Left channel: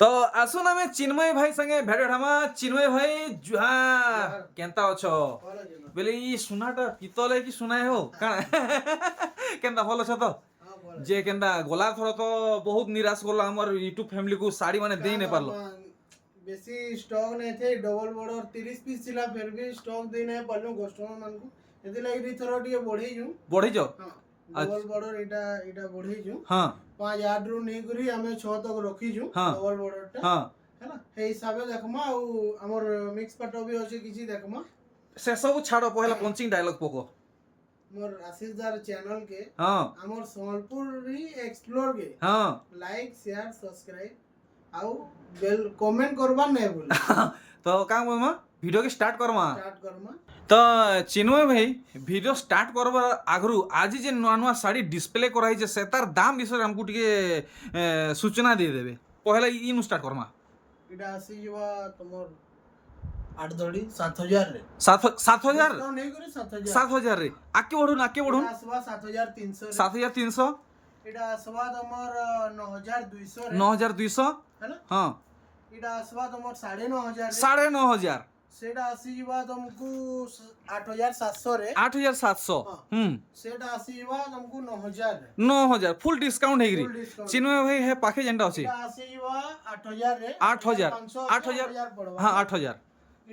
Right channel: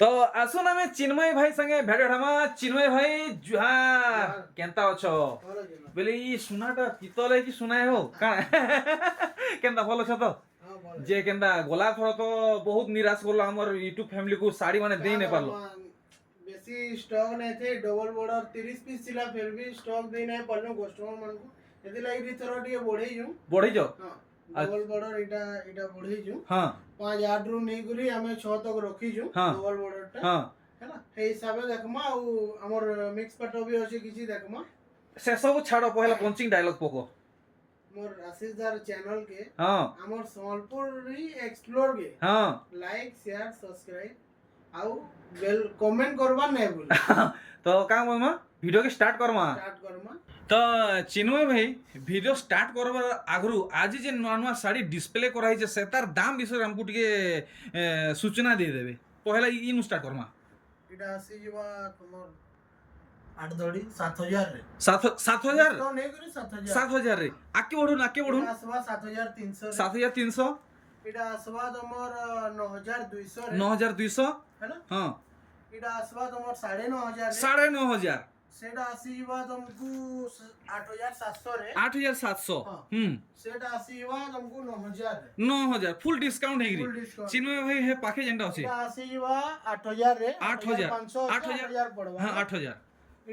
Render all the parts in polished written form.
তো আসুন আমি চিন্ময় ভাই সঙ্গে ভেট হামা। চিন্ময় ভাই জুহার কেনতা অছ বলে ই সুনাটা পিতলে কি সুনাই হো কাଣା কেনতা ভাল অছ তো যে কেনতা গলা থর তো বহুত নিরাশ করলো আমার ইউটিউব ফ্যামিলি কু শাড়ি মানে দেই নাই পারলো। বেশি স্টক নাই थे डबल बॉर्डर 30 पीस थिला फिर भी स्टॉक दे नै पारलो कस्टमर मान को एति लागि थोर ଟିକେ बढेई जु बढ़ी जाओ डबल बॉर्डर एटा बढेई जु हाँ 5000 रु नै करी हमें 6 तक रखी जु हाँ। डबल बॉर्डर टा हाँ हैना हे हिसाब से देखमा आ हमर मिक्स पटो भी अछि किछि देखमा से सब छाड़ो पहला पंचिंग डायलॉग पको मोर आशीष दार चैनल के हाँ हमर संबलपुरी एक्सप्लोर के हाँ लाइक शेयर सब्सक्राइब आउ बेल कमेंट करबा नै बोल तो का बोलमा वीडियो के स्टार्ट करमा। स्टार्ट करमा तो चिन्मय भाई वीडियो स्टार्ट करबार आगरू आज जे नुआ नुआ शाड़ी डिस्प्ले कराई छे से तार दाम विषय हमको टिके सूचना दे देबे। पहला इन स्टार्ट करमा इटा आसी जवा तमोर 8 दड़ी 7000 रे 7000 तो नै करी 7000 7000 रे आके बढ़ुन आसवा 7300 7300 इटा आसवा तमोर 9200 रे 9200 है ना हाँ इटा आसवा तमोर 9500 रे 9500 सेटा आसी जवा तुमको 8700 रे 8700 सेटा आसी जवा तुमको 9000 रे 9000 फुल डिस्काउंट है Full discount। चिन्मय भाई है पाखे जेंटा अछि इटा आसी जवा 8000 रे 8000 8000 पड़वा हाँ 8000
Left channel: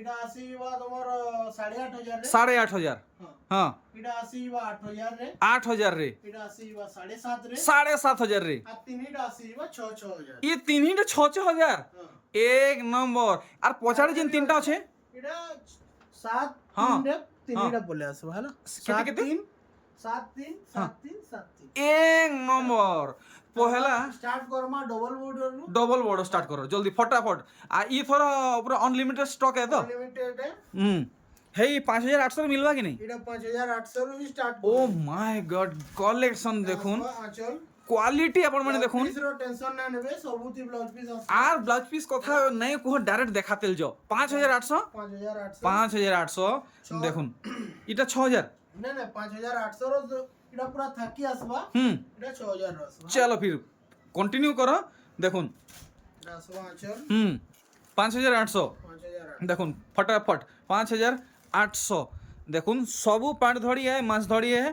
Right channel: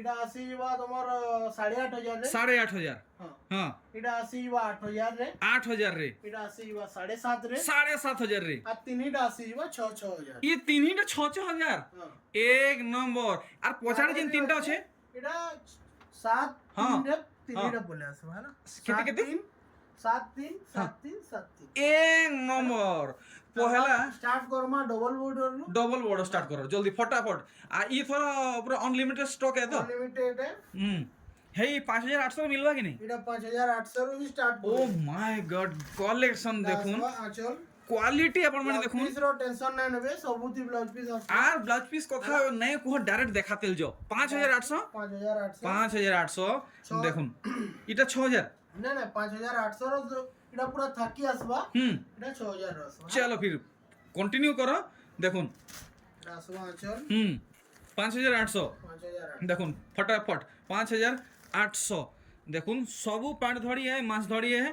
इटा आसी जवा तुमर 8500 रे 8500 हां हाँ इटा आसी जवा 8000 रे 8000 रे इटा आसी जवा 7.5 रे 7500 रे आ तीनटा आसी जवा 6000 ये तीन ही 6000 हां एक नंबर और पछाड़ी जेन तीनटा अछि इटा 7 हाँ। 3 रे तीनटा बोले आसबा है ना केते केते 7 3 7 3 7 3 एक नंबर पहला स्टार्ट करमा डबल बॉर्डर नु डबल बॉर्डर स्टार्ट करो जल्दी फटाफट आ ई थोड़ा पूरा अनलिमिटेड स्टॉक है तो अनलिमिटेड है हे 5800 मिलवा कि नहीं इटा 5800 रू start oh my God collection देखुन आचल क्वालिटी अपन माने देखुन पीस रो टेंशन ना नेबे सबुती ब्लाउज पीस आर ब्लाउज पीस कथा नहीं को डायरेक्ट देखातेल जो 5800 5800 5800 देखुन इटा 6000 नहीं नहीं 5800 रो इटा पूरा थाकी आसबा इटा 6000 रो आसबा चलो फिर कंटिन्यू करो देखुन इटा आसबा आचल 5800 5800 देखुन फटाफट 5800 देखुन सबू पाट धड़ी है माछ धड़ी है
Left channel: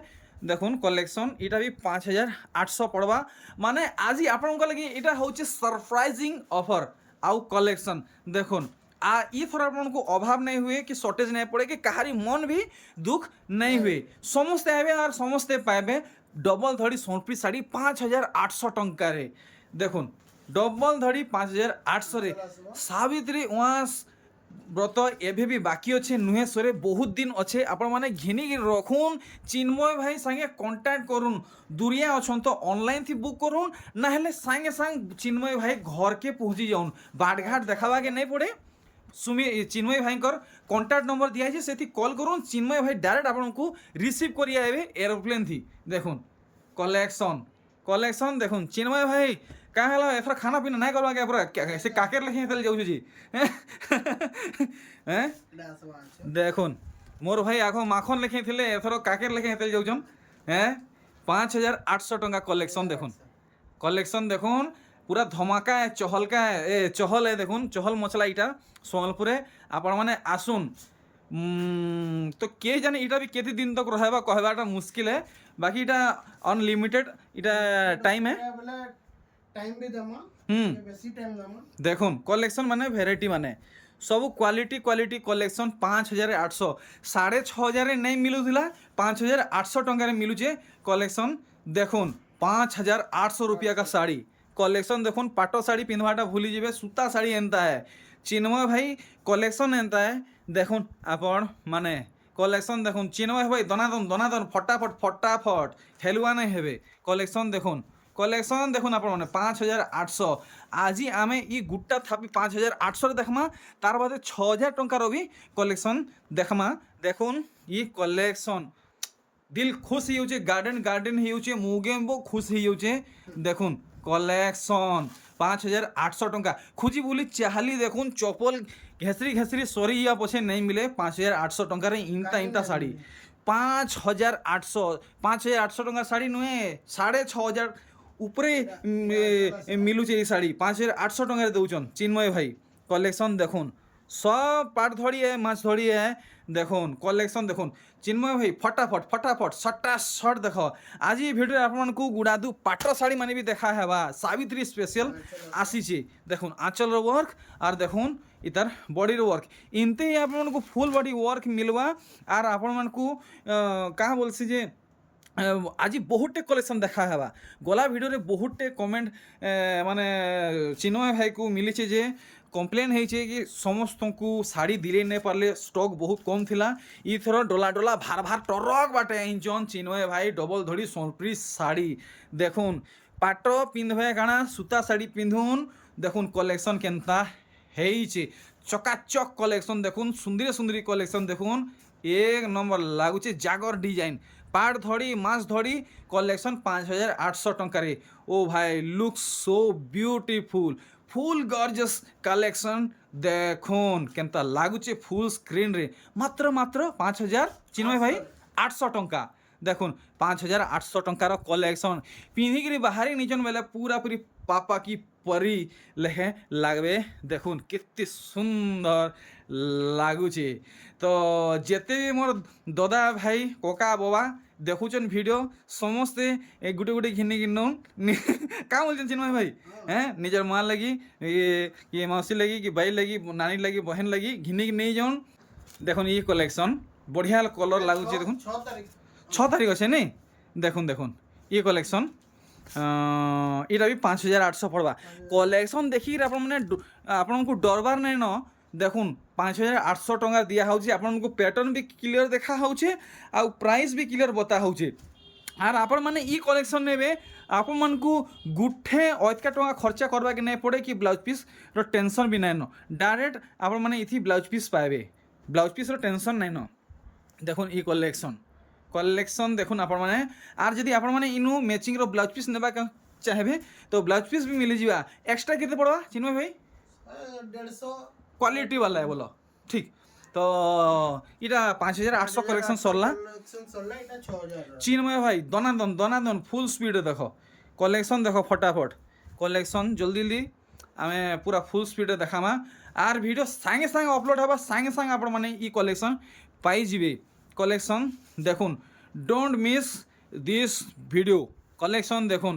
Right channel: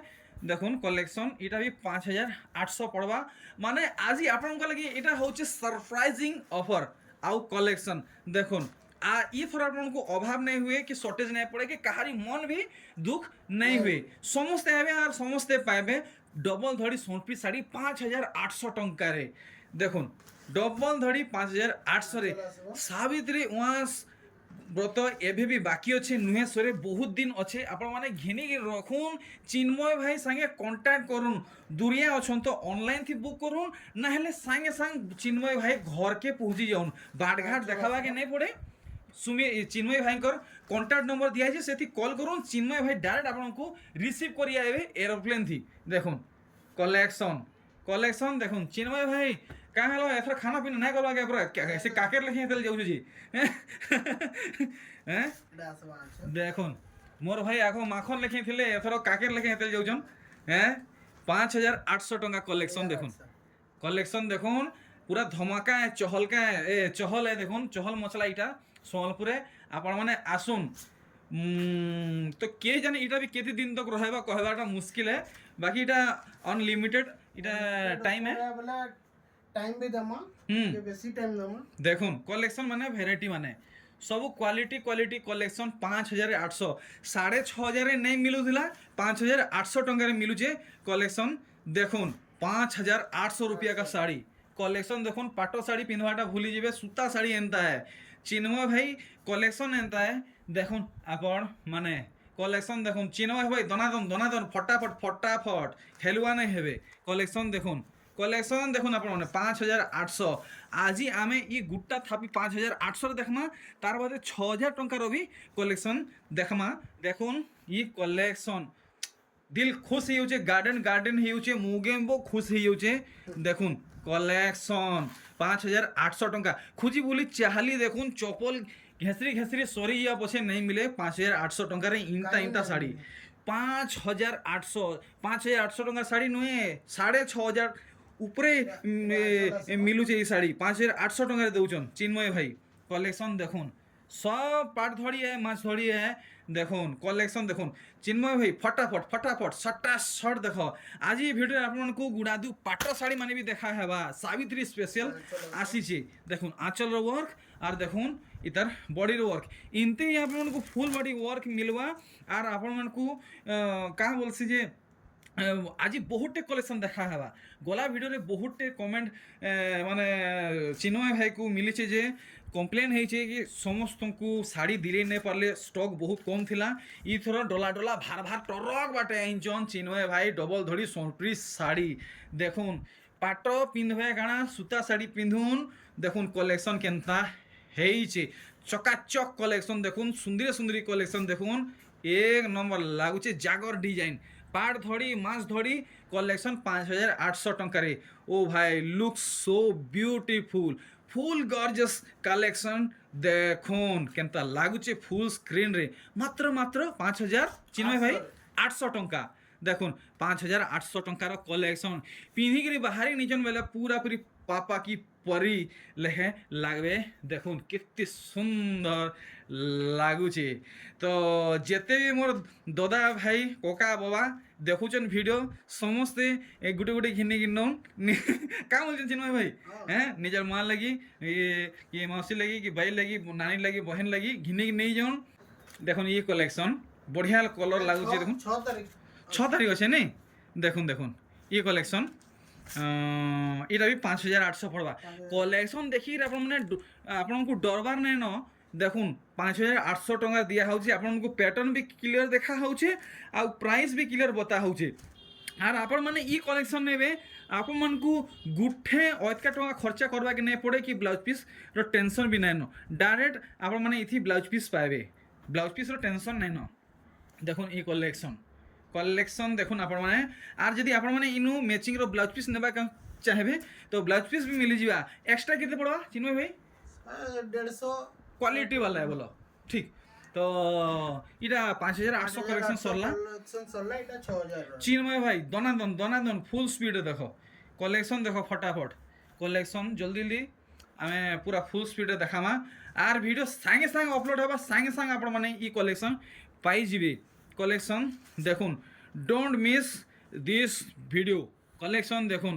देखुन कलेक्शन इटा भी 5800 पड़वा माने आज आपन लगी इटा होचे सरप्राइजिंग ऑफर आउ कलेक्शन देखुन आ ई थोड़ा आपन को अभाव नहीं हुए कि शॉर्टेज नहीं पड़े कि कहारी मन भी दुख नहीं हुए समस्ते आवे और समस्ते पाएबे डबल धड़ी सोनपी साड़ी 5800 टंका रे देखुन डबल धड़ी 5800 रे सावित्री उआस व्रत एभे भी बाकी अच्छे नुहे सरे बहुत दिन अच्छे आपण माने घिनी रखुन चिन्मय भाई संगे कांटेक्ट करुन दूरिया अछन तो ऑनलाइन थी बुक करुन ना हेले संगे संग चिन्मय भाई घर के पहुंची जाउन बाटघाट देखावा के नहीं पड़े सुमी चिन्मय भाई कर कांटेक्ट नंबर दिया है सेठी कॉल करुन चिन्मय भाई डायरेक्ट आपण को रिसीव करी आबे एरोप्लेन थी देखुन कलेक्शन कलेक्शन देखुन चिन्मय भाई का हेलो एथर खाना पीना नहीं करवा के पूरा ऐसे काकेर लेखे तेल जाऊ जी हैं इटा आसबा आचल देखुन मोर भाई आखो माखन लेखे थिले एथर काकेर लेखे तेल जाउछन हैं 5800 टंका कलेक्शन देखुन कलेक्शन देखुन पूरा धमाका है चहलका है ए चहल है देखुन चहल मसला इटा सोनलपुर आपण माने आसुन तो के जाने इटा भी केते दिन तक रहबा कहबाटा मुश्किल है बाकी इटा अनलिमिटेड इटा टाइम है बोला टाइम भी दमा ये बेसी टाइम दमा देखुन कलेक्शन माने वेराइटी माने सब क्वालिटी क्वालिटी कलेक्शन 5800 6500 नहीं मिलूला 5800 टंका मिलूचे कलेक्शन देखुन 5800 रुपया का साड़ी कलेक्शन देखुन पाटो साड़ी पिंधवाटा भूली जीवे सूता साड़ी एंता है चिन्मय भाई कलेक्शन एंता है देखुन आपण माने कलेक्शन देखुन चिन्मय भाई दनादन फटाफट फटाफट खेलुआ नहीं हेबे कलेक्शन देखुन आपण माने 5800 आज आमे ई गुट्टा थापी 5800 देखमा तार बादे 6000 टंकार भी कलेक्शन देखमा देखुन ई कलेक्शन दिल खुश हो गार्डन हो मुगेम्बो खुश हो देखुन कलेक्शन 5800 टंका खुजी बोली चाहली देखुन चपल घेसरी सरी या पछे नहीं मिले 5800 टंका इंता साड़ी 5800 टंका साड़ी नुहे 6500 উপরে মিলুছে এই শাড়ি 5800 টাকায় দৌছন চিন্ময় ভাই কলেকশন দেখুন সব পাট ধরিয়ে মাছ ধরিয়ে দেখুন কলেকশন দেখুন চিন্ময় ভাই ফটাফট ফটাফট সটা সট দেখ আজ এই ভিডিও আপনার গুড়াদু পাট শাড়ি মানে বি দেখা হেবা সাবিত্রী স্পেশাল আসিছে দেখুন আঁচলর ওয়ার্ক আর দেখুন ইতার বডির ওয়ার্ক ইনতে আপনার ফুল বডি ওয়ার্ক মিলবা আর আপনার কাহা বলছি যে আজ বহুতটে কলেকশন দেখা হেবা গলা ভিডিওরে বহুতটে কমেন্ট মানে চিন্ময় ভাইকু মিলিছে যে কমপ্লেন হয়েছে কি সমস্তଙ୍କୁ শাড়ি দিলে নেই পারলে স্টক বহুত কম থিলা ইথর ডলা ডলা ভার ভার টরক বাটে আইনছন চিন্ময় ভাই ডবল ধড়ি সম্প্রি শাড়ি দেখুন পাট পিঁধবে কাଣା সুতা শাড়ি পিঁধুন দেখুন কলেকশন কেনতা হয়েছে চকাচক কলেকশন দেখুন সুন্দরী সুন্দরী কলেকশন দেখুন এক নম্বর লাগুছে জাগর ডিজাইন পাট ধড়ি মাছ ধড়ি কলেকশন 5800 টঙ্কারে ও ভাই লুক সো বিউটিফুল ফুল গর্জস কালেকশন দেখুন কেনতা লাগুছে ফুল স্ক্রিন রে মাত্র মাত্র 5000 চিন্ময় ভাই 800 টঙ্কা দেখুন 5800 টঙ্কার কলেকশন পিঁধিকি বাহারি নিজন বেলে পুরাপুরি পাপা কি পরি লেখে লাগবে দেখুন কেতে সুন্দর লাগুছে তো যেতে মোর দাদা ভাই কোকা বাবা দেখুছেন ভিডিও সমস্তে গুটে গুটে ঘিনি কিনুন কা বলছেন চিন্ময় ভাই হ্যাঁ নিজের মা লাগি কি মাউসি লাগি কি ভাই লাগি নানি লাগি বহেন লাগি ঘিনি নেই যান দেখুন ই কলেকশন বঢ়িয়া কলর লাগুছে দেখুন 6 তারিখ আছে নেই দেখুন দেখুন ই কলেকশন এটা বি 5800 পড়বা কলেকশন দেখি আপনার মানে আপনার ডরবার নাই ন দেখুন 5800 টঙ্কা দিয়া হচ্ছে আপনার প্যাটর্ন বি ক্লিয়ার দেখা হচ্ছে আর প্রাইস বি ক্লিয়ার বতা হচ্ছে আর আপন মানে ই কলেকশন নেবে আপন মানকু গুঠে অতকা টঙ্কা খরচা করবাকে নাই পড়ে কি ব্লাউজ পিসর টেনশন বি নাই ন ডাইরেক্ট আপন মানে ইথি ব্লাউজ পিস পাইবে ব্লাউজ পিসর টেনশন নাই ন দেখুন ই কলেকশন দেখুন আপনার মানে আর যদি আপনার মানে ইনু ম্যাচিংর ব্লাউজ পিস নেবা চাহেবে তো ব্লাউজ পিস বি মিলিযা এক্সট্রা কেতে পড়বা চিন্ময় ভাই 150 क्वालिटी वाला है बोलो ठीक तो এটা 5800 কলেকশন সরলা এটা 6000 চিন্ময় ভাই দনাদন ফুল স্পিডে দেখো কলেকশন দেখো ফটাফট কলেকশন জলদি জলদি আমি পুরা ফুল স্পিডে দেখামা আর ভিডিও সাঙ্গে সাঙ্গে অপলোড হবা সাঙ্গে সাঙ্গে আপনার মানে ই কলেকশন পাই যাবে কলেকশন দেখুন don't miss this video collection দেখুন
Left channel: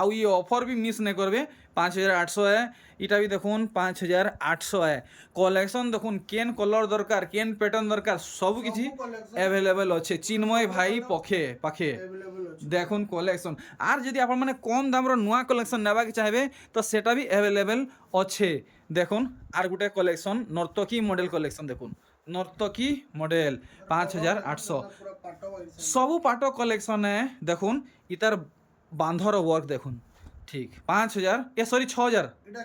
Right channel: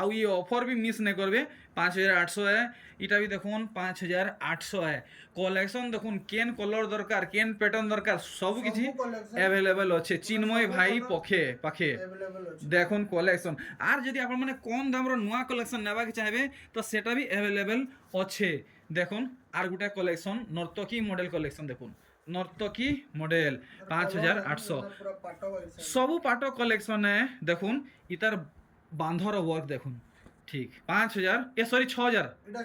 আউ ই অফর भी মিস नहीं করবে 5800 है এটা भी দেখুন 5800 है কলেকশন দেখুন কেন কলর দরকার কেন প্যাটার্ন দরকার সব কিছু অ্যাভেলেবল আছে চিন্ময় ভাই পাখে দেখুন কলেকশন আর যদি আপনার মানে কম দামর নয়া কলেকশন নেবাকে চাইবে তো সেটা भी অ্যাভেলেবল আছে দেখুন আর গোটে কলেকশন নর্তকী মডেল কলেকশন দেখুন নর্তকী মডেল 5800 সবু পাট কলেকশনে দেখুন ইতার বাঁধর ওয়ার্ক দেখুন ঠিক 5000 সরি 6000 এটা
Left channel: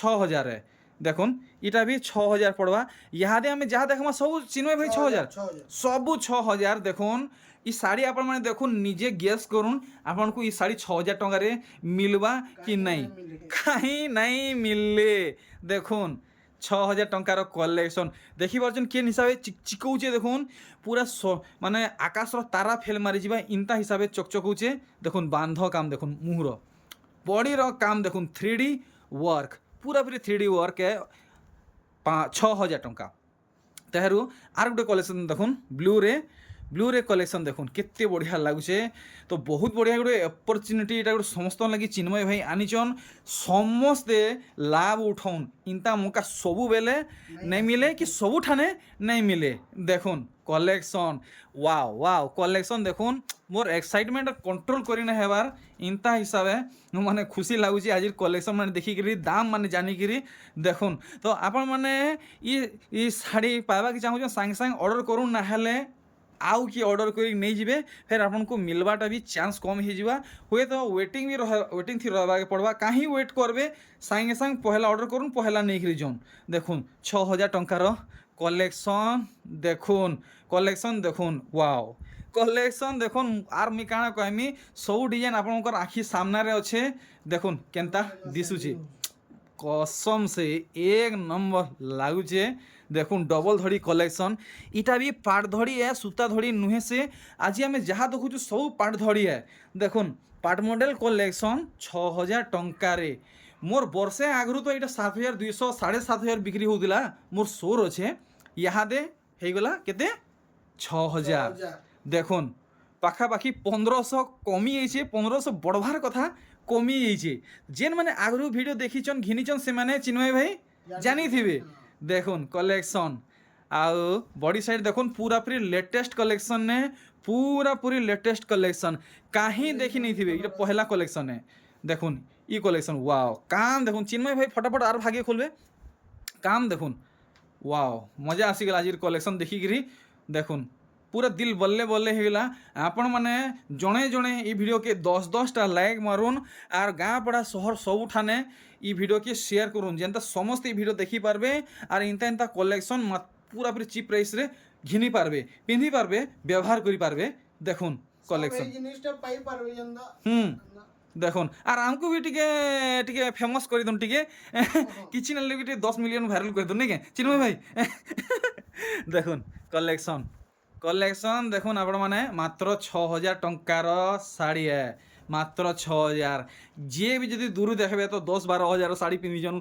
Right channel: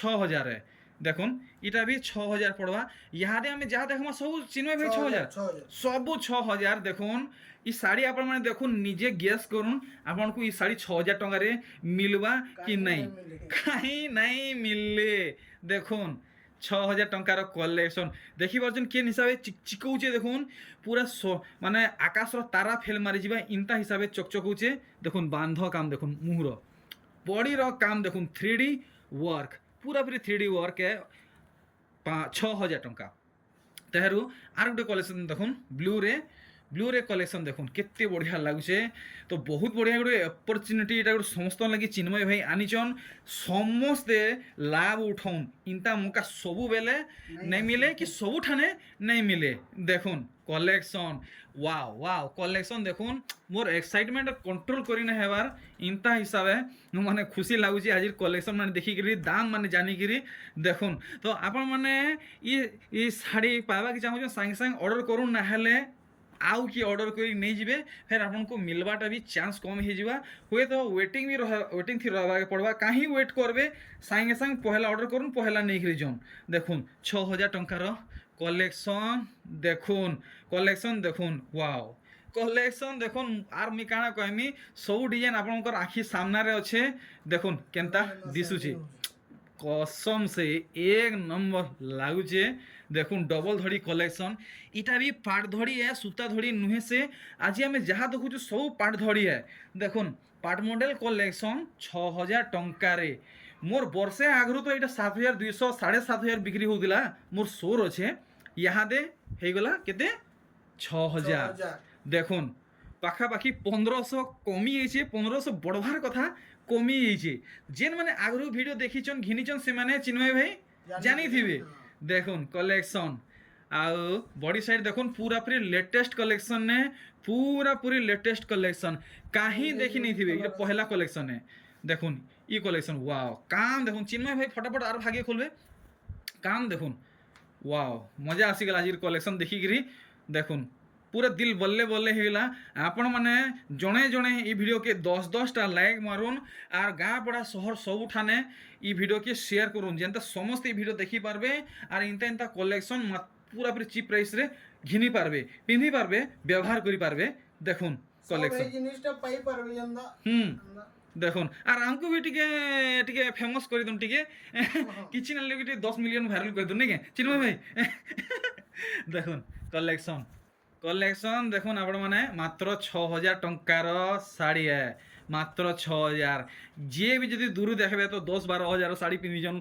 6000 है দেখুন এটা भी 6000 পড়বা ইহাদে আমি যাহা দেখমা সবু চিন্ময় ভাই 6000 সবু 6000 দেখুন ই শাড়ি আপনার মানে দেখুন নিজে গেস করুন আপনার ই শাড়ি 6000 টাকারে মিলবা কি নাই কাহি নাই মিললে দেখুন 6000 টঙ্কার কলেকশন দেখি পাচ্ছেন কেন হিসাবে চিকচিকৌছে দেখুন পুরা মানে আকাশর তারা ফেল মারি যা ইনতা হিসাবে চকচকৌছে দেখুন বান্ধ কাম দেখুন মুহুর বডির কাম দেখুন 3D ওয়ার্ক পুরাপুরি 3D ওয়ার্ক 6000 টঙ্কা তেহারু আর গোটে কলেকশন দেখুন ব্লুরে কলেকশন দেখুন কেতে বঢ়িয়া লাগুছে তো বহুত বঢ়িয়া গোটে অপরচুনিটি এটা গোটে সমস্ত লাগি চিন্ময় ভাই আনিছন সমস্তে লাভ উঠাউন ইনতা মুকা সবু বেলে নাই মিলে কি সবুঠানে নাই মিলে দেখুন কলেকশন ওয়াও কলেকশন দেখুন মোর এক্সাইটমেন্ট কন্ট্রোল করি না হেবার ইনতা হিসাবে মানে খুশি লাগুছে আজির কলেকশন মানে দেখিকি দাম মানে জানিকি দেখুন তো আপন মানে ই শাড়ি পাইবাকে চাহুছেন সাଙ୍ଗে সাঙ্গে অর্ডর করুন না হলে आउ कि ऑर्डर करी नहीं जीवे फिर आपको मिलवाटा भी चांस कम हो जावा हुए तो वेटिंग भी वेटिंग थी रहा पड़वा कहीं वेट करबे सागे संग पहला ऑर्डर करूँ पहला नहीं करी जाऊन देखुन 6000 टंकार कलेक्शन देखुन वाओ कलेक्शन देखुन आर मुई काना कहमी सब डिजाइन आपनकर आखि सामने अच्छे देखुन केनता दिशुचे कसम से एक नंबर लागुचे। देखुन डबल धड़ी कलेक्शन इटा भी पाट धड़ी है सूता धड़ी नुहे से आज आम जहाँ देखु सब पाट धड़ी है। देखुन पाट मॉडल कलेक्शन 6000 टंकार मोर वर्षे आगु तो यहाँ 7200 7500 बिक्री होता मोर सोर अच्छे यहाँ दे गला केते 6000। देखुन पाखापाखि 1500 कमी जाइए 1500 बढ़वार कथा कमी जाइए जेन मैंने आगु वीडियो देखीचन घिनीचन से माने चिन्मय भाई जानी थे। देखुन कलेक्शन आउ बॉडी साइड देखुन पूरा पूरी लेटेस्ट कलेक्शन ने पूरा पूरी लेटेस्ट कलेक्शन कहीं देखी नहीं थी ये पहला कलेक्शन है। देखुन ई कलेक्शन वाओ काम देखुन चिन्मय भाई फटाफट आर भागे खोलबे काम देखुन वाओ मजा आसीगला आज कलेक्शन देखिकी। देखुन पूरा दिल बल्ले बल्ले होगा आपण मैंने जड़े जड़े ये वीडियो के 10-10टा लाइक मारुन आर गाँ पड़ा सहर सब ठाने ये वीडियो के शेयर करूँ जेनता समस्त ये वीडियो देखी पारबे आर इंता इंता कलेक्शन पूरा पूरी चिप प्राइस रे घिनी पारबे पिंधि पारबे व्यवहार करि पारबे। देखुन कलेक्शन जिनिसटा पाई पारबे जंदा देखुन आर आमको भी टिके टिके फेमस कर दूँ टिके किछि न लगे 10 मिलियन वायरल कर दूँ नहीं के चिन्मय भाई देखुन कलेक्शन कलेक्शन देखुन आपण माने मात्र 6000 टंकार साड़ी है मात्र 6000 जे भी जदि दूर देखबे तो 10-12 हजार साड़ी पिंधि जन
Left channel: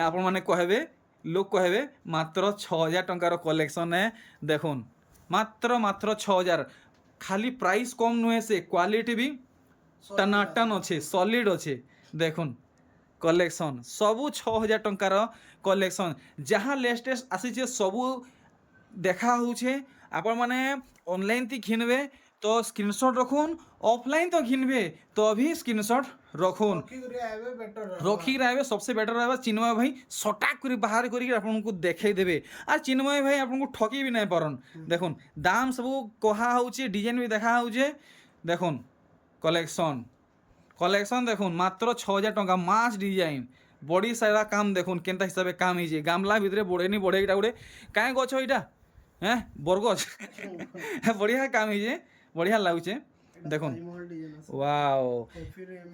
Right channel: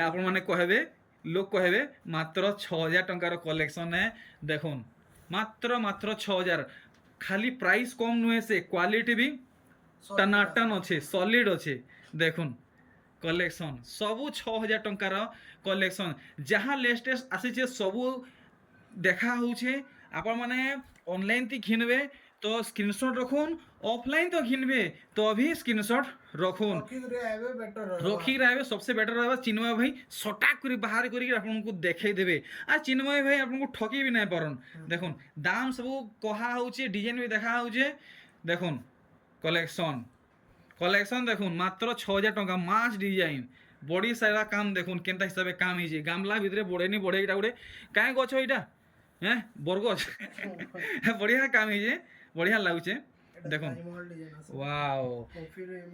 आपण माने कहबे लोग कहबे मात्र 6000 टंकार कलेक्शन है। देखुन मात्र 6000 खाली प्राइस कम नुहे से क्वालिटी भी टनाटन अच्छे सॉलिड अच्छे। देखुन कलेक्शन सबू 6000 टंकार कलेक्शन जहाँ लेटेस्ट आसी सबू देखा होछे आपण माने ऑनलाइन ती घिनबे तो स्क्रीनशॉट रखुन ऑफलाइन तो घिनबे तो अभी स्क्रीनशॉट रखुन रखी रहे सबसे बेटर रहा चिन्मय भाई सटाक कर बाहर करके देखे देवे आ चिन्मय भाई आपको ठकी भी नहीं पारन। देखुन दाम सब कहा होचे डिजाइन भी देखा होचे। देखुन कलेक्शन कलेक्शन देखुन मात्र 6000 टंका मास डिजाइन बॉडी सारा काम देखुन केनता हिसाब से काम ही गामला भितर बढ़े नहीं बढ़े इटा गोटे क्या गछ यहाँ हाँ बरगछ बढ़िया काम है बढ़िया लगुचे। देखुन वाओ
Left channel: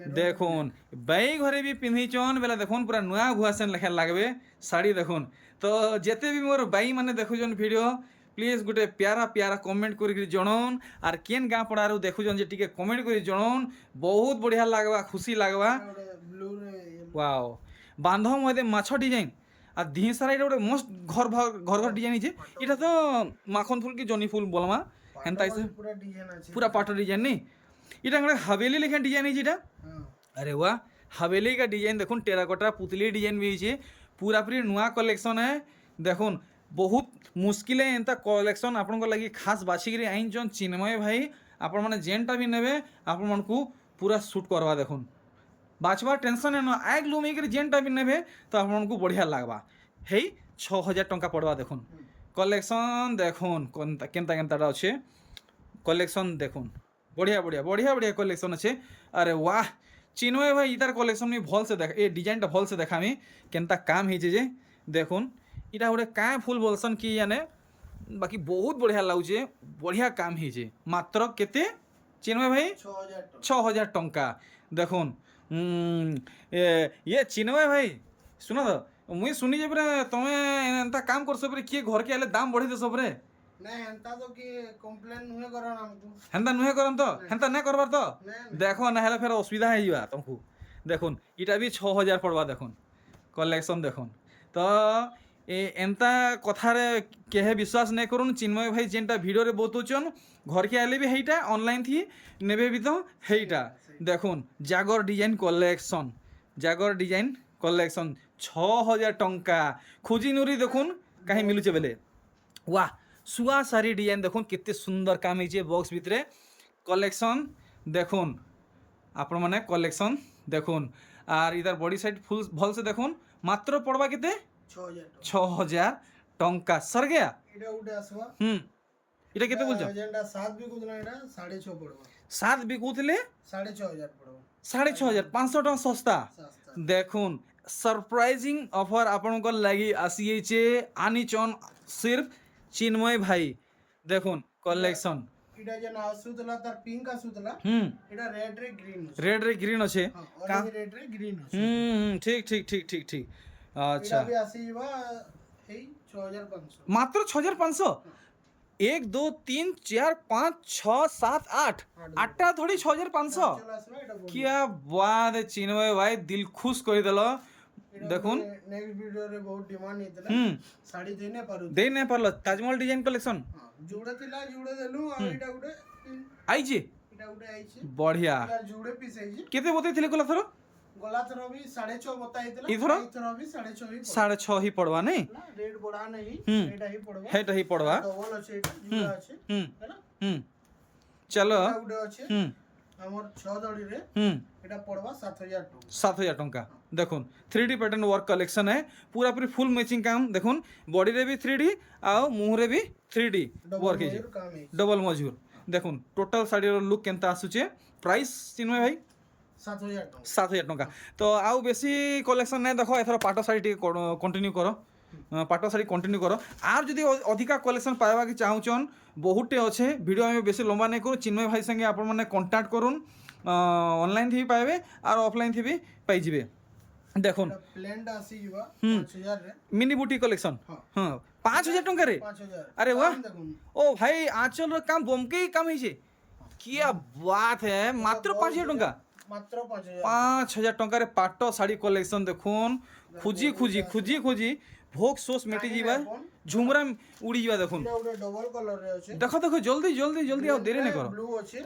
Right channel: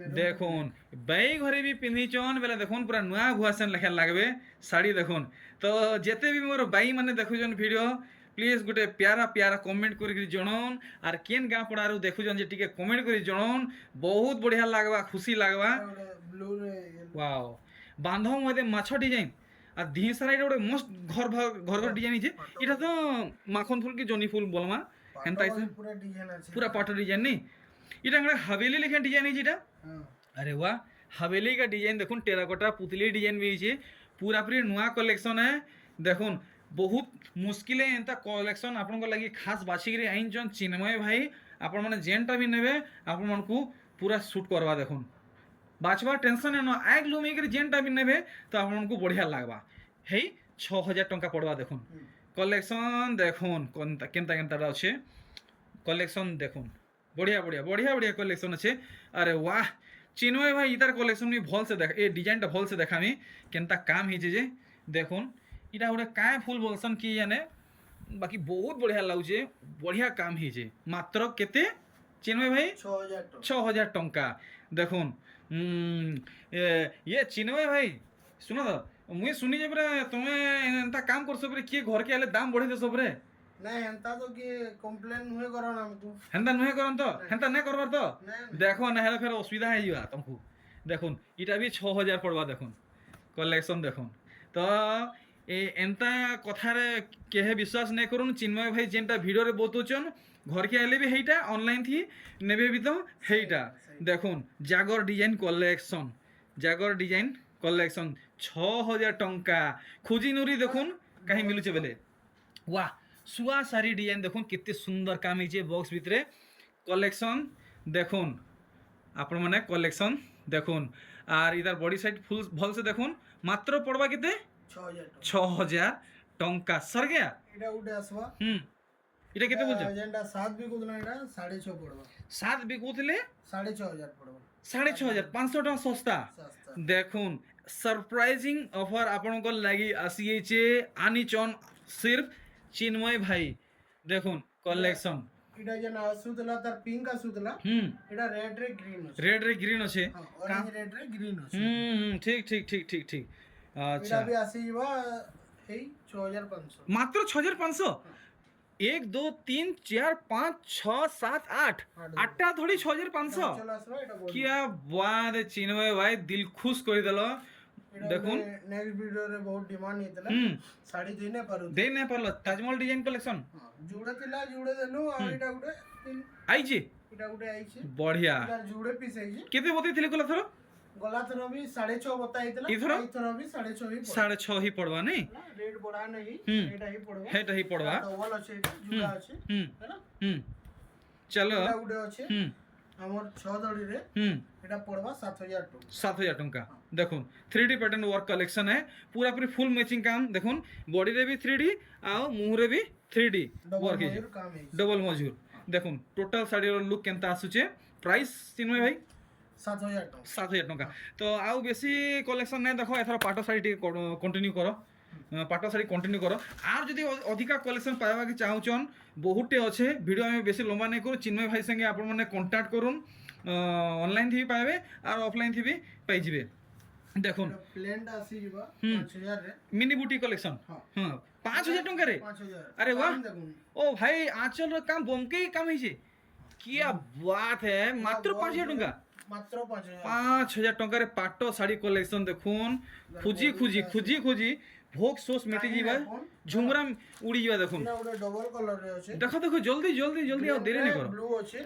देखुन बाई घरे भी पिंधिचन बेला देखुन पूरा नुआ भुआसेन लेखा लगबे साड़ी। देखुन तो जेते भी मोर बाई माने देखुचन वीडियो प्लीज गोटे प्यारा प्यारा कमेंट कर जनाउन आर केन गाँ पड़ारू देखुचन जे टिके कमेंट कर जनाउन बहुत बढ़िया लगवा खुशी लगवा। वाओ बांधव मध्य माछ डिजाइन आ दी सारा गोटे मस्त घर घर घर डिजाइन है तो माखन फूल की जनी फूल बोलमा हेन्ता पूरा पाटो डिजाइन नहीं इटा गोटे हवेली लेखन डिजाइन है। अरे वाह हवेली का डिजाइन देखुन टेराकोटा पुतली डिजाइन भी है पूरा पूरी नुआ कलेक्शन है। देखुन बहुत मुश्किल एंता कलेक्शन आपन लगी खास बाछिकी आईन चिन्मय भाई आपण मैंने जेनटा भी नेबे आपण मन को पूरा सूट करवा। देखुन बाछबार टेंशन है ना आग लुमेक जेनटा भी नेबे तो आपको बढ़िया लगवा है 6000 टंका पड़वा। देखुन कलेक्शन देखुन केनता केनता अच्छे कलेक्शन देखुन बढ़िया बढ़िया बढ़िया बढ़िया कलेक्शन अच्छे। अरे वाह चिन्मय भाई इतार कलेक्शन भी भल से देख ए डिजाइनटा भल से देखामी केनता काम ही जे। देखुन इटा गोटे क्या फुल बोलसन कि जाने बाकी बहुत बढ़िया लगुचे बढ़िया काम ही मात्र केते चिन्मय भाई 6000 टंका। देखुन ये चिन्मय भाई सुनो तो मुई सुनी जे पूरा तुमे एंता काम कर सब किए घर के आले दाम बढ़े दे सब रे नहीं हेंता तो कि कंप्लेन नुहे करन हमको हेंता नुहे करन तो हेंता नहीं करबार तो देखो ना हेला फिर असुविधा है युवा तुमको। देखुन इटा भी 6000 पड़वा। देखुन कलेक्शन देखुन तो एंता कथारे केहे विश्वास नहीं करुन चिन्मय भाई जेनटा वीडियो रे बतौचन घर के आले भी हेटा ऑनलाइन थी नेबे भी तो हेटा। देखुन जागर डिजाइन कलेक्शन जागर डिजाइन कलेक्शन 6000 टंका खुजी नुरी। देखुन कहीं मिलुचे बेले वाह सुआ सारी डिजाइन देखुन कितने सुंदर काम है बॉक्स भितरे कलेक्शन। देखुन आपण माने कलेक्शन देखुन आर इधर बॉडी साइड फुल भल से देखुन मात्र पड़वा केते 6000 टंका सर गया इटा उडे आसवा इटा केते बोलछ एजेंडा 7 बिकुतला इटा 6.5 पड़वा 7 बिकुतले 6500 पड़वा 6500 500 टका सस्ता। देखुन सरप्राइजिंग ऑफर आपण को लगी आसी आनीचन सिर्फ चिन्मय भाई। देखुन कलेक्शन এটা যেন আসুতলা তার পিঙ্ক আসুতলা হুম এটা রেড রে গ্রিন আছে রেড রে গ্রিন আছে হ্যাঁ অরেঞ্জ রেড রে গ্রিন আছে ঠিক ঠিক ঠিক ঠিক ঠিক আচ্ছা এটা বি আসিবা এই 6500 মাত্র 6500 1 2 3 4 5 6 7 8 আটটা ধরি 6500 চলে আসবে এটা বলি क्या बात है चिन्मय भाई दिल खुश করে দিল দেখুন নেক্সট ভিডিওরে বহুত ডিমান্ড ହେଇଥିଲା হুম ଶାଢୀ ଦେଇ ନାଇଁ ପାରୁ দেই না পারলো তাজমহল ডিজাইন কলেকশন ଯୁଡେ ଥିଲା ଯୁଡେ ଦେଲୁ ଆଉ ଏଇଟା ଗୋଟେ আইছে ଏଇଟା ଗୋଟେ ଆଇଛି বঢ়িয়া ଏଇଟା ଯୁଡେ ପିସ୍ ହେଇଛି কেতে বতেইଥିଲେ কোলা থর ଗଲା ଥର ବି 6.5 ବତା ହେଇଥିଲା ଏଇଥର? ଏଇଥର ବି 6.5 ହି 6.5 হি পড়বা নাই ରେଟ୍ ବଢା ନାହିଁ ହୁଁ। ଏଇଟା ହି ପଡବା হেটা হি পড়বা ଡବଲ ଅଛି ଏଇଟା ଯୁଡା ଅଛି হুম ହେଲା হুম চলো ଏଇଟା ଗୋଟେ ଅଛି হুম ଆମର 6 ଦড়ିରେ হুম ଏଇଟା ପଡବା 7000 ଟଙ୍କା 7000 টঙ্কা দেখুন 3D প্যাটার্ন ওয়ার্ক কলেকশন है पूरा पूरी फुल मैचिंग काम দেখুন বডি রে भी 3D আও মুহরে भी 3D ଡବଲ ওয়ার্ক ହେଇଛି ମଜୁର କାମ ହେଇଛି ডবল মজুর দেখুন টোটাল শাড়ির লুক কেনতা আসুছে প্রাইস চিন্ময় ভাই 7000 ଟଙ୍କା 7000 টঙ্কা তো আউ বেশি কলেকশন নাই দেখো এথর পাট শাড়ি টিকে কন্টিনিউ কর পাট শাড়ি কন্টিনিউ কর আর যদি অধিকা কলেকশন পাইবা কি চাহুছন বহুটে আছে ভিডিও আমি বেশি লম্বা নাই করু চিন্ময় ভাই সঙ্গে আপন মানে কন্টাক্ট করুন অনলাইন থি পাইবে আর অফলাইন থি বি পাই যাবে দেখুন প্লেনটা ଆସିଯିବା ହୁଁ। 5000 ରେ মিনি বুটি কলেকশন হ্যাঁ 5000 টঙ্কা রে 5000 अरे वाह দেখুন ओ भाई आंचल रो काम बमके ही काम है क्या बात है मात्र 5000 टंका মাত্র 5000 5000 टंका रे पाटो साड़ी कलेक्शन देखुन খুঁজি খুঁজি খুঁজি খুঁজি ভোগ সোস মেটি যাবা ঝুমরা উড়ি যাবা দেখুন এটা ଗୋଟେ ଡବଲ କଲର ରେ ଅଛି দেখো দেখো জলদি জলদি জলদি আও দেরি না করো ব্লু ଅଛି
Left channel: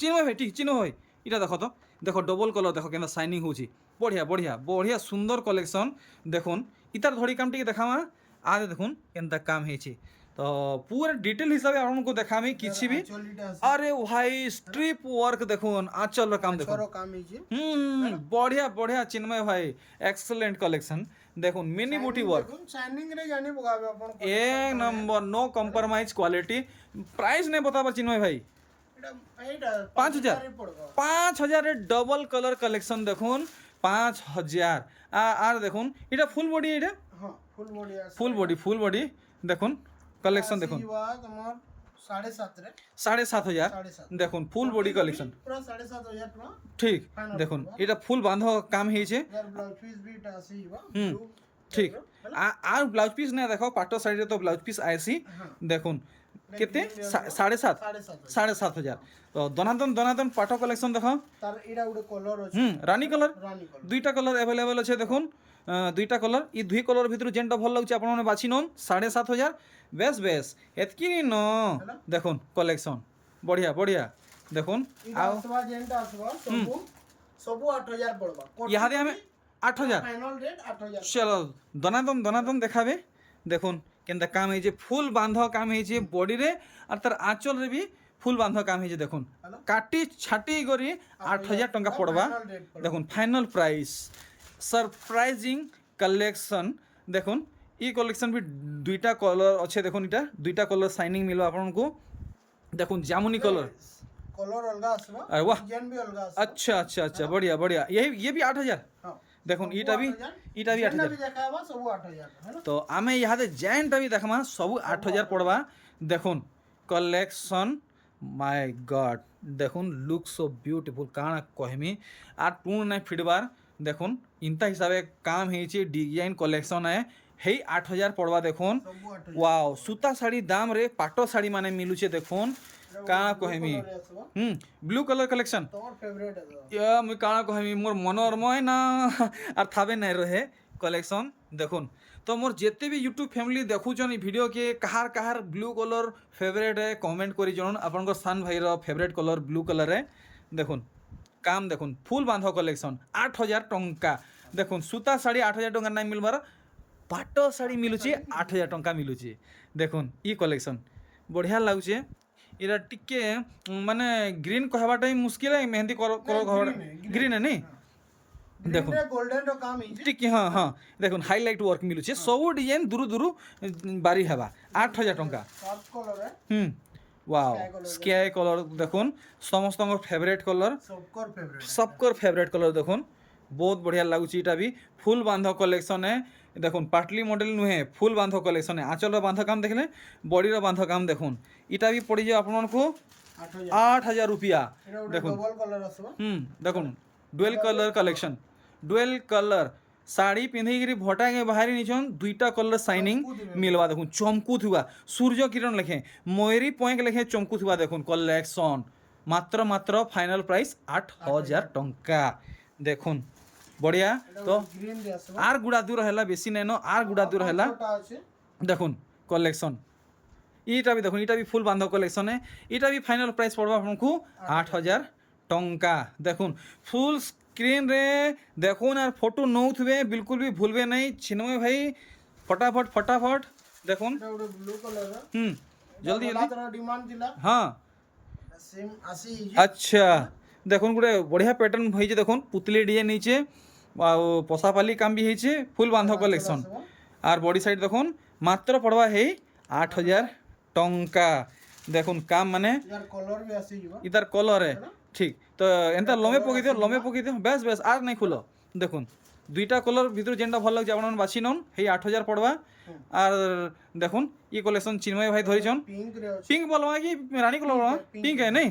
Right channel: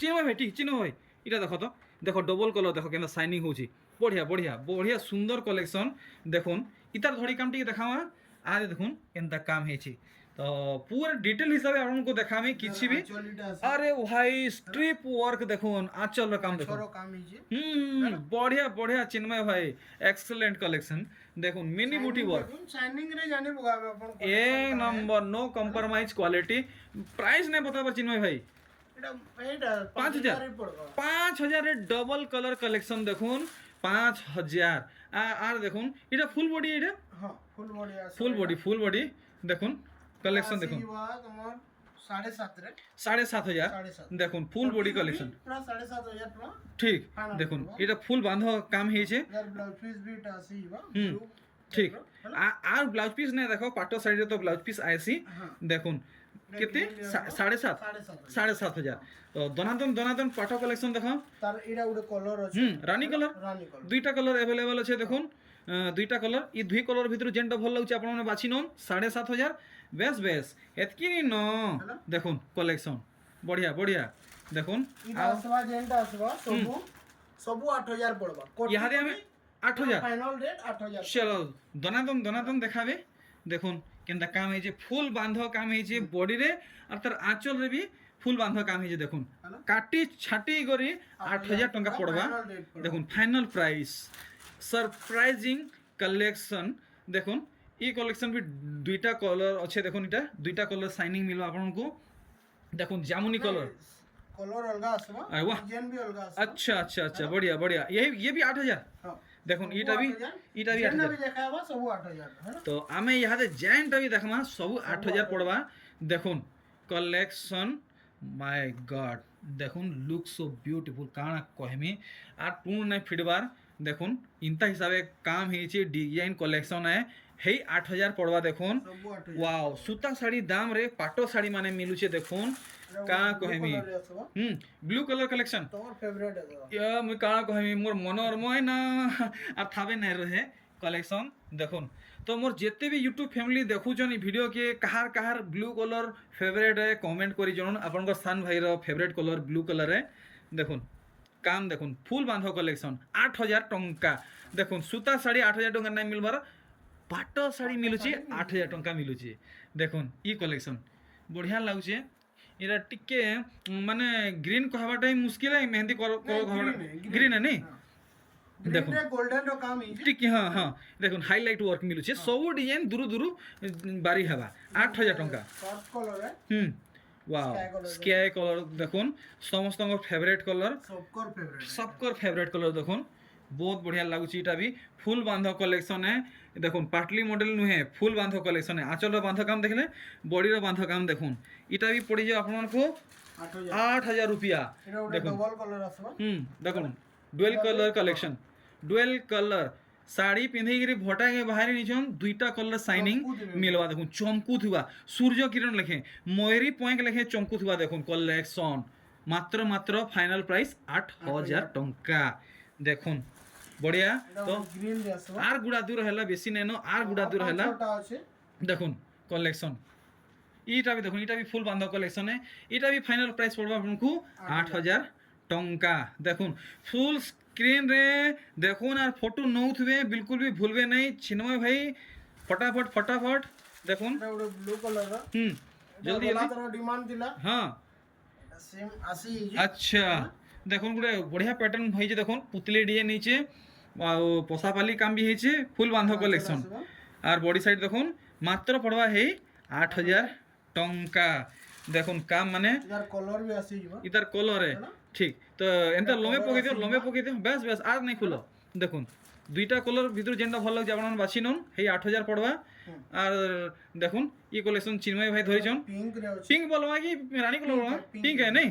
চিনো ভাই ঠিক চিনো ভাই এটা দেখো তো দেখো ডবল কলর দেখো কেন শাইনিং হচ্ছে বঢ়িয়া বঢ়িয়া বঢ়িয়া সুন্দর কলেকশন দেখুন ইতার ধরি কাম টিকে দেখামা আরে দেখুন কেনতা কাম হয়েছে তো পুরা ডিটেল হিসাবে আপনাকে দেখামি কিছু भी চলিটা আছে আরে ভাই স্ট্রিপ ওয়ার্ক দেখুন আঁচলর কাম দেখুন ଛର କାମ ହେଇଛି বঢ়িয়া বঢ়িয়া চিন্ময় ভাই এক্সেলেন্ট কলেকশন দেখুন মিনি বুটি ওয়ার্ক শাইনিং রে জানি পকাবে আপন এক নম্বর নো কম্প্রোমাইজ কোয়ালিটি প্রাইস नहीं बताबर चिन्मय भाई এটা এইটা 5000 রে পড়বা 5000 এর ডবল কালার কালেকশন দেখুন 5000 আর দেখুন এটা ফুল বডি এটা হ্যাঁ ফুল বডি আছে ফুল বডি দেখুন কালেকশন দেখুন ଆସିବା তোমার 7.5 রে 7500 দেখুন ফুল বডি কালেকশন পুরা 7.5 ଟଙ୍କା ঠিক দেখুন এটা ফুল বাঁধ কাম হয়েছে যার ব্লাউজ পিস বিটা আসিবা হুম ঠিক আর ব্লাউজ পিস না দেখো পাটো সাইডে তো ব্লাউজ পিস আইসি দেখুন কেতে 7.5 7.5 তো দনাদন পাটো কালেকশন দেখো তার এটা ଗୋଟେ কলর আছে রানী কালার রানী কলর দুইটা কলর अवेलेबल আছে দেখুন দুইটা কলর এই দুই কলর ভিতর যেটা ভাল লাগুছে আপনারা বাছি নন 7500 বেশ বেশ এতকি ন দেখুন কালেকশন বঢ়িয়া বঢ়িয়া দেখুন এটা আসবা যেটা আসবা সবু সবু 8000 পড়বা ইহাদে আমি 8000 ফাইনাল রেট 8000 চলো দনাদন দেখাবে দেখুন কেনটা কাম হয়েছে ফুল বাঁধ কাম হয়েছে বডি রে আর তার আঁচল রে বি ফুল বাঁধ কাম হয়েছে দেখুন কাটি ছাটি করে 8000 টঙ্কা পড়বা দেখুন ফাইনাল প্রাইস सरप्राइजिंग कलेक्शन देखुन ई कलेक्शन भी दुईटा कलर अच्छे देखुन इटा दुईटा कलर शाइनिंग मिलबा आपनको देखुन जामुनी कलर कलर अलगा আসবা अरे वाह डिजाइन भी अलगा আসবা अच्छा अच्छा अच्छा बढ़िया बढ़िया ये भी 8000 हां देखुन इटा भी 8000 भी देखाबा सब 8000 है ना तो आमे इहादे जैनटा भी देखमा सब 8000 पड़वा देखुन कलेक्शन माय गॉड देखुन लुक सो ब्यूटीफुल काना कहमी आ टून नहीं फिटबार দেখুন ইনতা হিসাবে কাম হয়েছে ডিজাইন কলেকশন হেই 8000 পড়বা দেখুন सब 8000 ওয়াও সুতা শাড়ি দাম রে পাটো শাড়ি মানে মিলুছে দেখুন কাଣା কহেমি আসবা ব্লু কালার কালেকশন তোমার ফেভারিট আছে ইয়া মুই কাଣା কহেমি মোর মনর ময় না আর থাবে নাই রহে কলেকশন দেখুন তো মোর যেতে भी यूट्यूब फैमिली देखुछन ई वीडियो के कहार ब्लू कलर फेवरेट है कमेंट करी जणन आपनकर सान भाई रो फेवरेट कलर ब्लू कलर है देखुन काम देखुन फुल बांध कलेक्शन 8000 टंका देखुन सूता शाड़ी 8000 टंका नहीं मिलबार पाटो शाड़ी मिलुचे 8000 टंका मिलुचे देखुन ई कलेक्शन बढ़िया लागुचे इरा टिके माने ग्रीन कहबाटा मुश्किल है मेहंदी कलर कहबाटा ग्रीन है नहीं देखुन गोल्डन रो काम ही टिके हाँ हाँ देखुन हाईलाइट वर्क मिलुचे सब डिजाइन दूर दूर बारी हवा 8000 टंका सॉफ्ट कलर है वाओ स्काई कलर देखुन समस्त फेवरेट कलर सबकर फेवरेट कलर देखुन बहुत बढ़िया लगुच इटा भी फुल बांध कलेक्शन है देखुन पाटली मॉडल नुहे फुल बांध कलेक्शन है आँचल बांध काम देखले बॉडी बांध काम देखुन এটা ବି ପଡ଼ିଯିବ ଆପଣମାନଙ୍କୁ 8,000 रुपया এটা ওটা দেখুন ডবল কালার আসবা দেখুন dual colour collection dual colour sari পিঁধিকি ভটাকে বাহারি নিছন দুইটা কলর সাইনিং মিলবা দেখুন চমকু থিবা সূর্য কিরণ লেখে ময়ূরী পয়েঙ্ক লেখে চমকু থিবা দেখুন কলেকশন মাত্র মাত্র ফাইনাল প্রাইস 8,000 টঙ্কা দেখুন বড়িয়া তো গ্রিন রে আসবা আর গুড়া দূর হেলা বেশি নেন আর গুড়া দূর হেলা ওটা আছে দেখুন কলেকশন এইটা বি দেখুন এটা বি ফুল বান্ধব কলেকশনে এটা বি ফাইনাল প্রাইস পড়বা আপনাকে 8,000 টঙ্কা দেখুন ফুল স্ক্রিন রে দেখুন আর ফটো নৌথবে বিলকুল বি ভুলবে নাই চিন্ময় ভাই ফটাফট ফটাফট দেখুন এটা ওটা ব্লু কালার রা জলদি জলদি জলদি ডিমান্ড দিলা হ্যাঁ সেম আসি আচ্ছা দেখুন গোটে বঢ়িয়া প্যাটার্ন হয়েছে দেখুন পুতলি ডিয়ে নিচে পশাপালি কাম বি হয়েছে ফুল বান্ধব কলেকশন আর বডি সাইড দেখুন মাত্র পড়বা হেই 8,000 টঙ্কা দেখুন কাম মানে यार कलर भी आसी जीवा ইতার কলরে ঠিক তো এন্তা লমে পকাই দিও বেশ বেশ আর নাই খুলো দেখুন দুইটা কলর ভিতর যেটা ভালো লাগছে আপনার বাছি নন হেই 8,000 পড়বা আর দেখুন ই কলেকশন চিন্ময় ভাই ধরিছন पिंक रे আছে পিঙ্ক বলবা কি রানী কলর বলবা পিঙ্ক है नहीं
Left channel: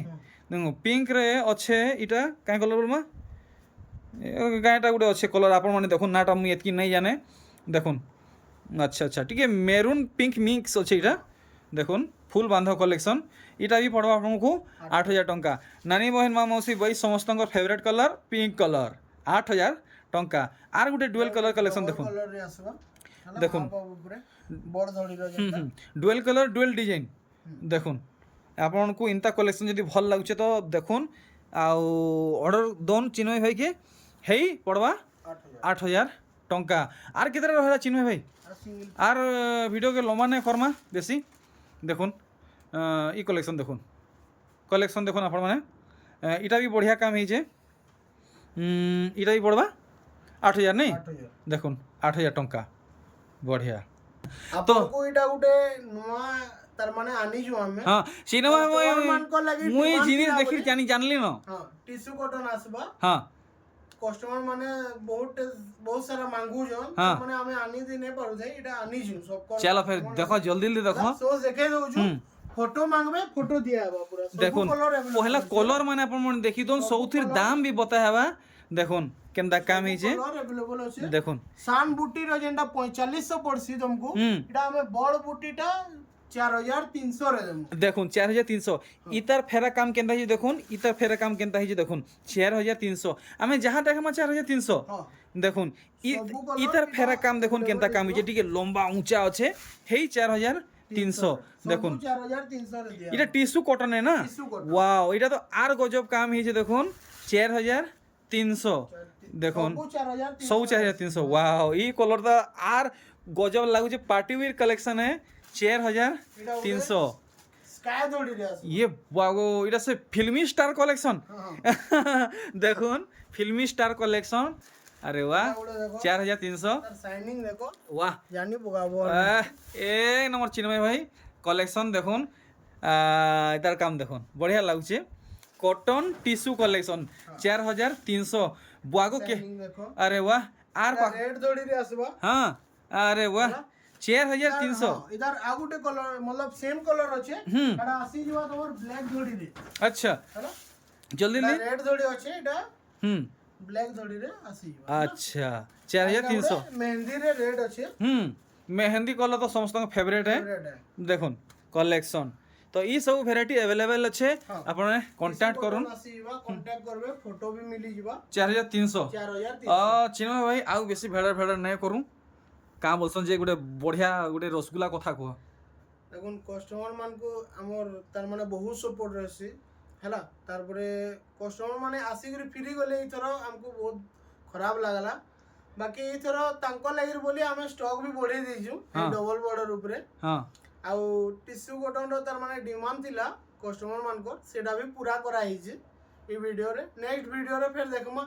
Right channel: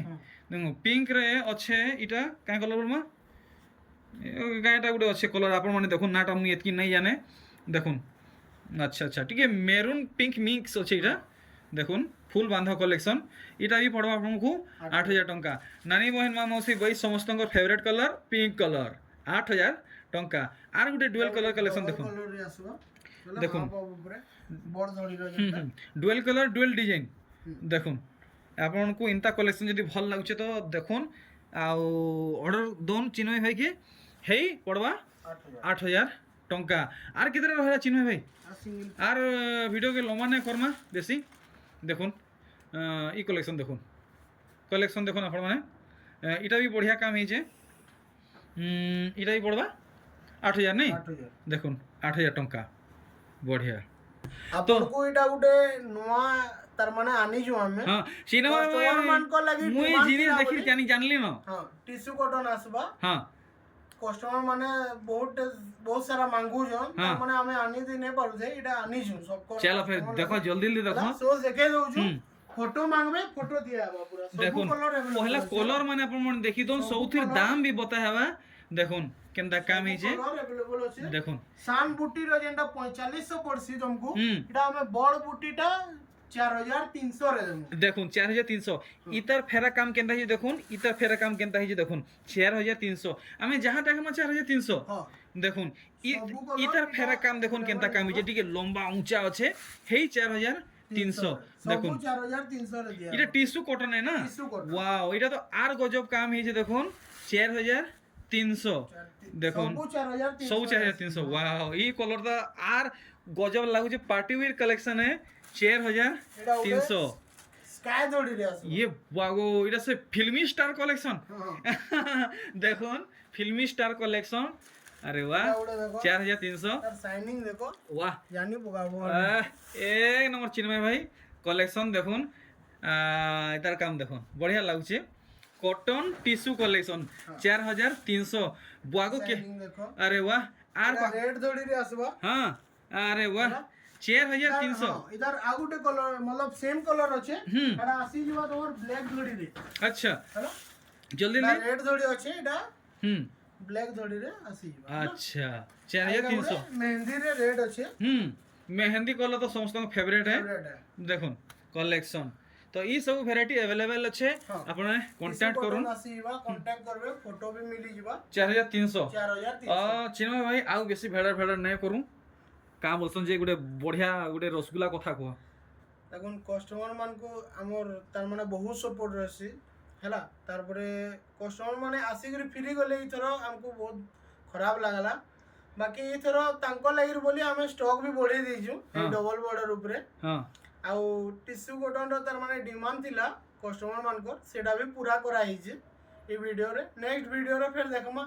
দেখুন পিঙ্ক রে আছে এটা কাঁ কলর বলবা গাঁটা গোটে আছে কলর আপন মানে দেখুন নাটা মুই এতকি নাই জানে দেখুন আচ্ছা আচ্ছা টিকে মেরুন পিঙ্ক মিক্স আছে এটা দেখুন ফুল বান্ধব কলেকশন এটা বি পড়বা আপনাকে 8,000 টঙ্কা নানি বহিন মা মৌসি বই সমস্তঙ্কর ফেভারিট কলর পিঙ্ক কলর 8,000 টঙ্কা আর গোটে ডুয়েল কলর কলেকশন দেখুন कलर रे आसबा দেখুন উপরে বড় ধড়ি রে যেটা ডুয়েল কলর ডুয়েল ডিজাইন দেখুন আপনার ইন্তা কলেকশন যদি ভাল লাগুছে তো দেখুন আউ অর্ডর দোন চিন্ময় ভাইকে হেই পড়বা 8,000 টঙ্কা আর কেতে রহলা চিন্ময় ভাই আর সিঙ্গেল আর ভিডিওকে লম্বা নাই কর্মা বেশি দেখুন ই কলেকশন দেখুন আপনার মানে এটা বি বঢ়িয়া কাম হয়েছে এটা বি পড়বা 8,000 নেই 8000 দেখুন 8,000 টঙ্কা বঢ়িয়া आपको एटा गुटे नुआ तार माने आनी जो हमें হ্যাঁ সিনেমা Customer मान को लगी মুই demand জিনিস ଥିଲା দেখি ବୋଲି। জানলি না हां टिश्यू कॉटन आसबा হ্যাঁ कस्टमर माने बहुत सारा मांगू जन हाँ। माने हमें आनी दे नहीं पारु छे एटा आनी छु सब को চলো ফের দেখো জলদি জলদি দেখো सो देखे दउ छु फोटो मांगबे फोटो दिया बा पूरा सब দেখুন कलर পহলা কলর মানে আপন মনে দেখি দন সৌথির দাম বি বতা হেবা দেখুন কেনতা কাম হইছে कलर अवेलेबल আছে দেখুন सान बूटी रो जेंटा 4500 पड़सी तुमको হুম एटा हमें बड़ बूटीटा 4300 रे देमु দেখুন 4,300 ইতার ফেরা কাম কেনতা হইছে দেখুন ইতার ফেরা কাম কেনতা হইছে দেখুন 4,300 আমি যাহা দেখামা 4,300 हां দেখুন সবু colour ইতার ফেরা কাম দেখুন কেনতা কাম হইছে টিকে লম্বা উঁচা আছে হেই 4,300 দেখুন 4300 রে दिया এটা টিস্যু কটন না टिश्यू कॉटन ওয়াও এটা তো আর গজব কাম হয়েছে দেখুন 4,300 দেখুন सब 4300 সৌ 4,300 ওয়াও এই কলরটা আর গজব লাগুছে পার্টি ওয়্যার কালেকশন है 4,300 स्काई दौड़ी रे आसबा ये বাগো এটা সে ফিল্মি স্টার কালেকশন हां দেখুন ফিল্মি স্টার কালেকশন আরে বাহ उड़े देखो 4,300 तार शाइनिंग देखो वाह जानी पकाबो এক নম্বর চিন্ময় ভাই কলেকশন দেখুন এটার কাম দেখুন বঢ়িয়া লাগুছে কটন টিস্যু কলেকশন 4,300 বাগো কে शाइनिंग देखो আরে বাহ আর रेड दौड़ी रे आसबा হ্যাঁ আরে বাহ 4,300 इधर आगुटे कलर मतलब सेम कलर আছে এটা আসি জবা তোমার ব্ল্যাক দড়ি রে আচ্ছা হ্যালো জলদি জলদি রেড দড়ি আছে এটা হুম ব্ল্যাক দড়ি রে আসি জবা আচ্ছা 4,300 মেহেন্দি রে রেড আছে মেহেন্দি কলর তো সমস্ত ফেভারিট है রেড है দেখুন কলেকশন তো এই সব ভ্যারাইটি अवेलेबल আছে হ্যাঁ। আপনারা কন্টাক্ট করুন আসি জবা কন্টাক্ট করবে ফটো भी मिली जबा 4,300 4300 চিন্ময় ভাই ଆଉ বেশি ভেড়া ভেড়া নাই করু কাম বলছন যে গোটে বঢ়িয়া গোটে রসগুলা কথা কুহ দেখুন কস্টমার মানকু আমার তার মানে বহুত সপোর্ট রয়েছে হেলা তারপরে কস্টমার মানে আসিকি ফ্রি গলে এইথর আমকু বহুত খরাপ লাগলা বাকি এইথর তাঙ্ক লাগি বলি আমি স্টক भी বঢ়াই ଦେଇଛୁ এই ডবল বর্ডর উপরে হ্যাঁ ଆଉ ଟିସ୍ୟୁ କଟନର ତାର ମାନେ ଡିମାଣ୍ଡ ଥିଲା କଷ୍ଟମର ମାନଙ୍କର ସେଟା ବି ପୁରା କରା ହେଇଛି এই ভিডিওরে নেক্সট ভিডিওরে ফের দেখমা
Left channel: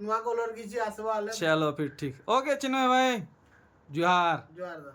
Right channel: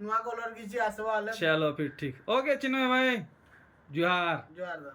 নয়া কলর কিছু আসবা হলে চলো ফির ঠিক ওকে চিন্ময় ভাই জুহার জোয়ার দা